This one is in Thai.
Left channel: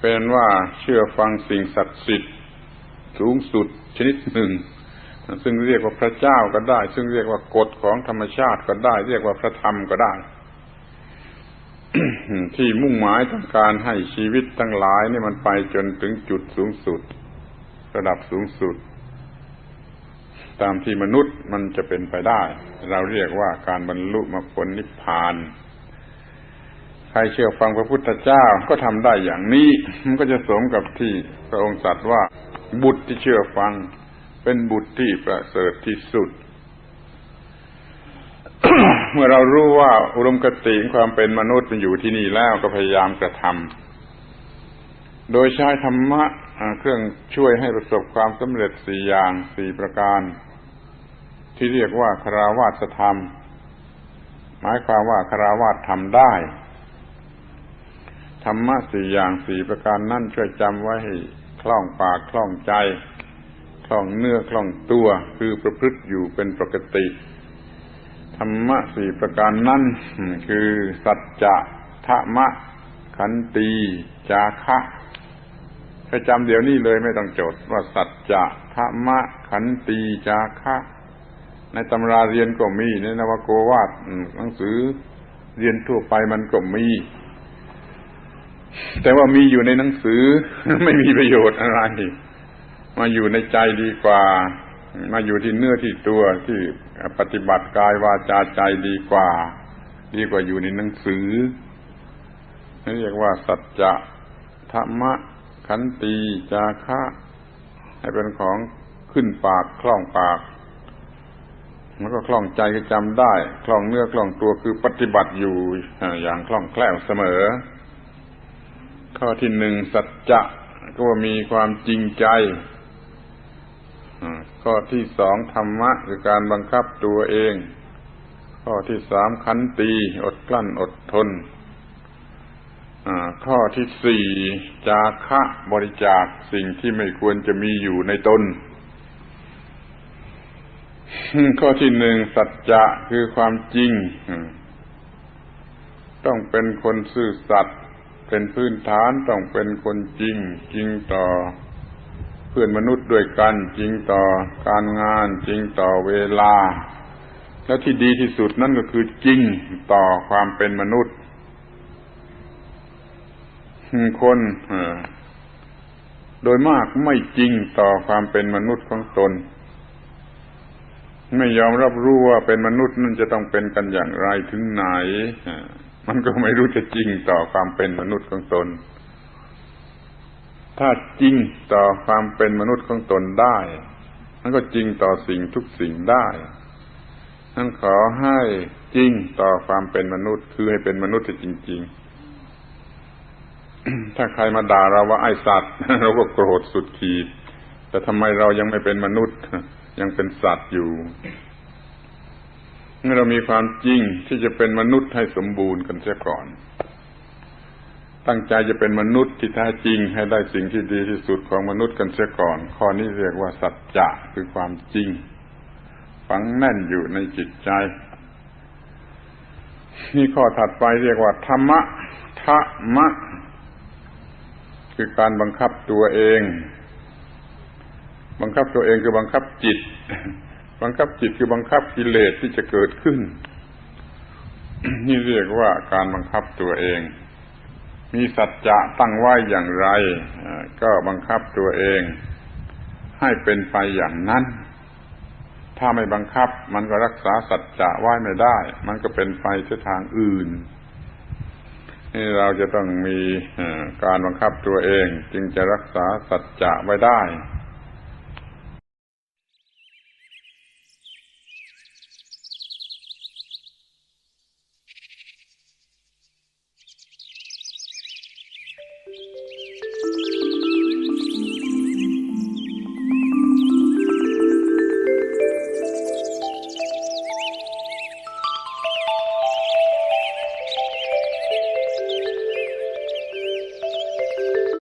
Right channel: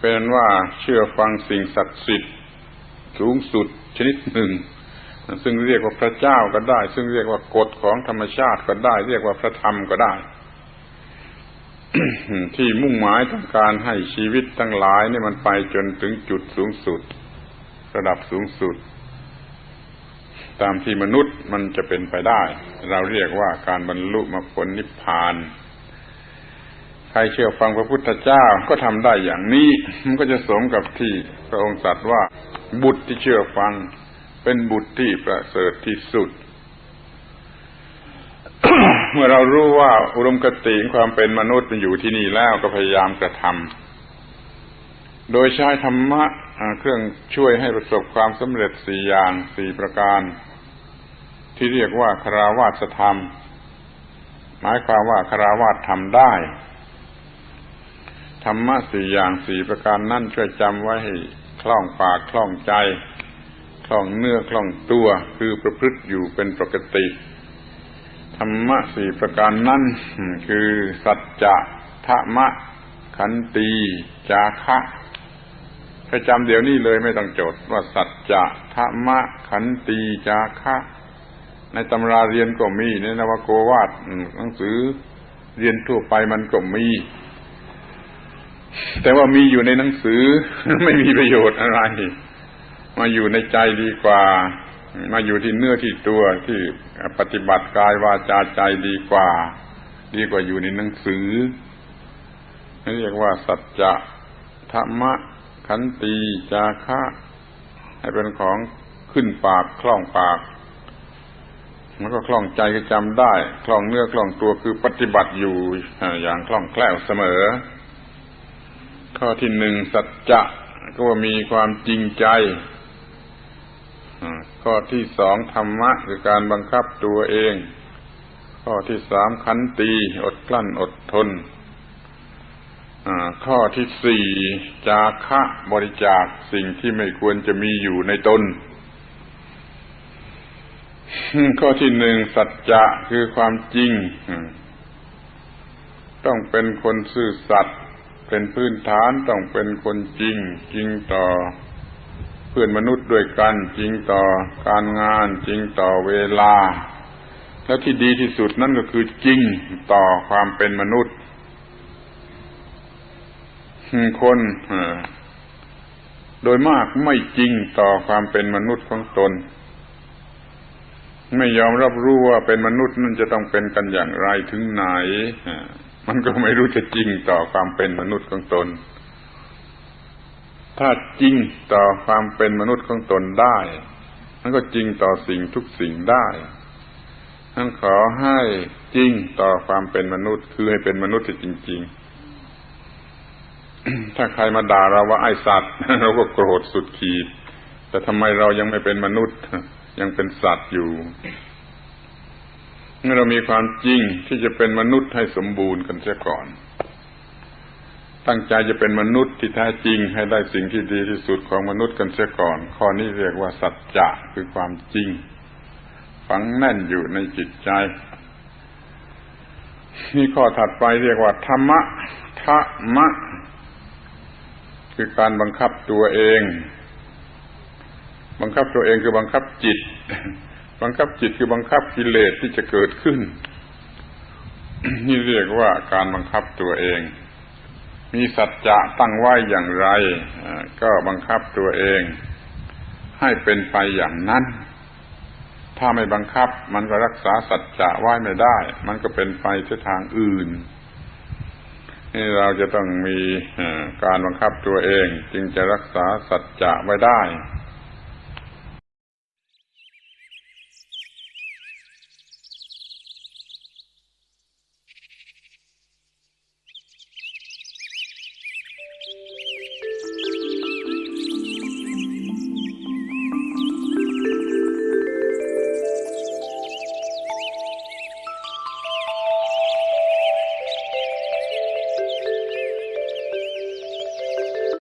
เป็นว่าเชื่อฟังสิ่งศักดิ์สิทธิ์สูงสุดชนิดหนึ่ง ซึ่งเรียกว่าพระเจ้าก็ได้ ซึ่งเรียกว่ากฎของธรรมชาติก็ได้ เรียกว่าพระธรรมก็ได้ ที่มุ่งหมายต้องการให้ชีวิตทั้งหลายนี่มันไปจนถึงจุดสูงสุด ระดับสูงสุด ตามที่มนุษย์มันจะเป็นไปได้ เราเรียกว่าการบรรลุมรรคผลนิพพาน ใครเชื่อฟังพระพุทธเจ้าก็ทำได้อย่างนี้ มันก็จะสมกับที่พระองค์ตรัสว่า บุตรที่เชื่อฟัง เป็นบุตรที่ประเสริฐที่สุด เมื่อเรารู้ว่าอุดมคติความเป็นมนุษย์มันอยู่ที่นี่แล้วก็พยายามกระทำโดยใช้ธรรมะเครื่องช่วยให้ประสบความสำเร็จสี่อย่างสี่ประการ ที่เรียกว่าคาราวาสธรรม หมายความว่าคาราวาสทำได้ ธรรมะสี่อย่างสี่ประการนั่นช่วยจำไว้ให้คล่องปากคล่องใจ คล่องเนื้อคล่องตัวคือประพฤติอยู่เป็นปกติธรรมะสี่ประการนั่นคือสัจจะธรรมะขันตีจาคะไปจำเดี๋ยวนี้เลยไม่ต้องจดว่าสัจจะธรรมะขันตีจาคะ ในตำราเรียนก็มีในนวโกวาดหนังสือเรียนทั่วไปมันก็มี แต่ว่ามีอยู่ในหนังสือไม่มีประโยชน์อะไร มาอยู่ในใจดีกว่า มาอยู่ที่เนื้อที่ตัวที่ปฏิบัติกายวาจาใจดีกว่า ดีกว่าอยู่ในหนังสือเรียกว่าสัจจะธรรมะขันตีจาคะให้เป็นของขึ้นปากคล่องปากมันก็คล่องใจก็จำได้ คล่องเนื้อคล่องตัวคือปฏิบัติอยู่อย่างคล่องแคล่วเสมอ ข้อที่หนึ่งสัจจะก็ว่ามีความจริงใจข้อที่สองธรรมะคือการบังคับตัวเอง ข้อที่สามขันตีอดกลั้นอดทนข้อที่สี่จาคะบริจาคสิ่งที่ไม่ควรจะมีอยู่ในตน ข้อที่หนึ่งสัจจะคือความจริง ต้องเป็นคนซื่อสัตย์ เป็นพื้นฐานต้องเป็นคนจริง จริงต่อ เพื่อนมนุษย์ด้วยกัน จริงต่อการงาน จริงต่อเวลา และที่ดีที่สุดนั่นก็คือจริงต่อความเป็นมนุษย์คนโดยมากไม่จริงต่อความเป็นมนุษย์ของตน ไม่ยอมรับรู้ว่าเป็นมนุษย์นั่นจะต้องเป็นกันอย่างไรถึงไหน มันก็ไม่รู้จะจริงต่อความเป็นมนุษย์ของตน ถ้าจริงต่อความเป็นมนุษย์ของตนได้ มันก็จริงต่อสิ่งทุกสิ่งได้ท่านขอให้จริงต่อความเป็นมนุษย์ คือให้เป็นมนุษย์จริง ๆ ถ้าใครมาด่าเราว่าไอสัตว์เราก็โกรธสุดขีด แต่ทำไมเรายังไม่เป็นมนุษย์ ยังเป็นสัตว์อยู่ เมื่อเรามีความจริงที่จะเป็นมนุษย์ให้สมบูรณ์กันเสียก่อน ตั้งใจจะเป็นมนุษย์ที่แท้จริงให้ได้สิ่งที่ดีที่สุดของมนุษย์กันเสียก่อน ข้อนี้เรียกว่าสัจจะคือความจริง ฝังแน่นอยู่ในจิตใจนี่ข้อถัดไปเรียกว่าธรรมะธรรมะ คือการบังคับตัวเอง บังคับตัวเองคือบังคับจิต บังคับจิตคือบังคับกิเลสที่จะเกิดขึ้น นี่เรียกว่าการบังคับตัวเอง มีสัจจะตั้งไว้อย่างไร ก็บังคับตัวเอง ให้เป็นไปอย่างนั้น ถ้าไม่บังคับ มันก็รักษาสัจจะไว้ไม่ได้ มันก็เป็นไปที่ทางอื่นนี่เราจะต้องมีการบังคับตัวเอง จึงจะรักษาสัจจะไว้ได้